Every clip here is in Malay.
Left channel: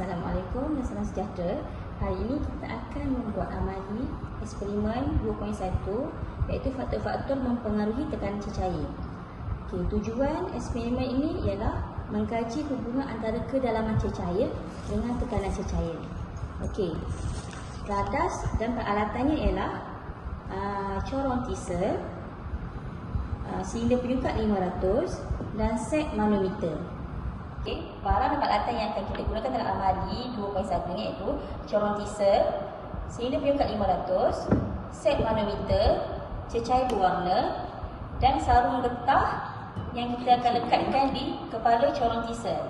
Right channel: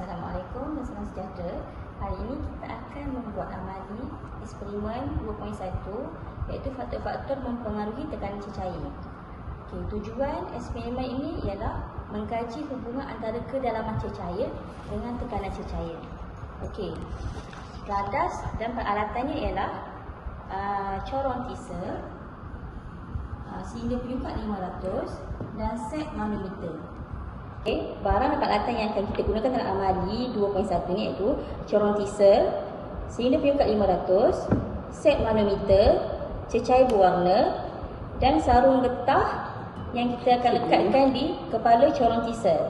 Assalamualaikum dan salam sejahtera. Hari ini kita akan membuat amali eksperimen 2.1 iaitu faktor-faktor mempengaruhi tekanan cecair. Okay, tujuan eksperimen ini ialah mengkaji hubungan antara kedalaman cecair dengan tekanan cecair. Okey. Radas dan peralatannya ialah uh, corong kisar, uh, silinder penyukat 500 dan set manometer. Peralatan yang akan kita gunakan dalam amali 2.1 ni iaitu corong diesel, silinder penyukat 500, set manometer, cecair berwarna dan sarung getah yang kita akan lekatkan di kepala corong diesel.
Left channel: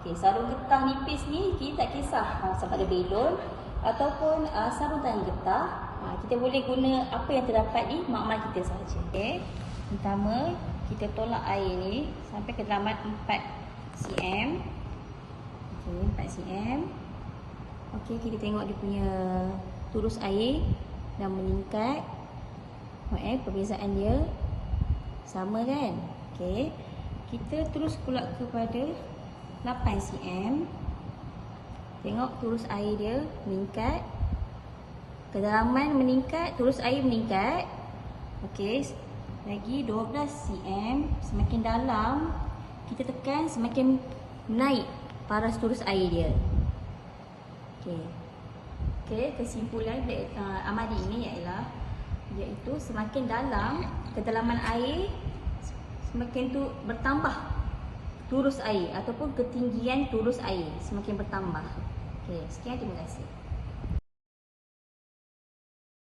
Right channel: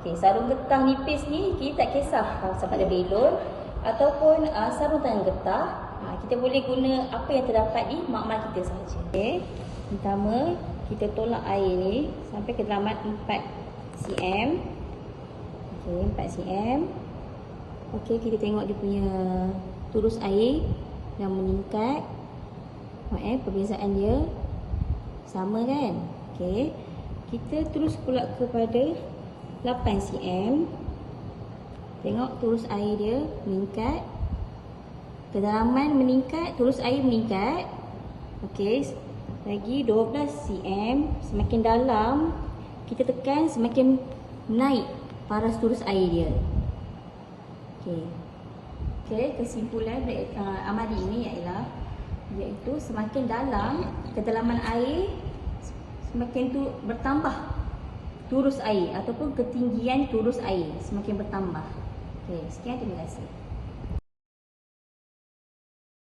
Okay, sarung getah nipis ni kita tak kisah uh, sama ada belon ataupun uh, sarung tangan getah. Uh, kita boleh guna apa yang terdapat di makmal kita sahaja. Okay. Pertama, kita tolak air ni sampai kedalaman 4 cm. Okey, 4 cm. Okey, kita tengok dia punya turus air dan meningkat. Eh, perbezaan dia sama kan? Okey. Kita terus pula kepada 8 cm. Tengok turus air dia meningkat. Kedalaman meningkat, turus air meningkat. Okey. Lagi 12 cm, semakin dalam kita tekan semakin naik paras turus air dia. Okey. Okey, kesimpulan uh, amali ini ialah iaitu semakin dalam kedalaman air semakin tu bertambah turus air ataupun ketinggian turus air semakin bertambah. Okey, sekian terima kasih.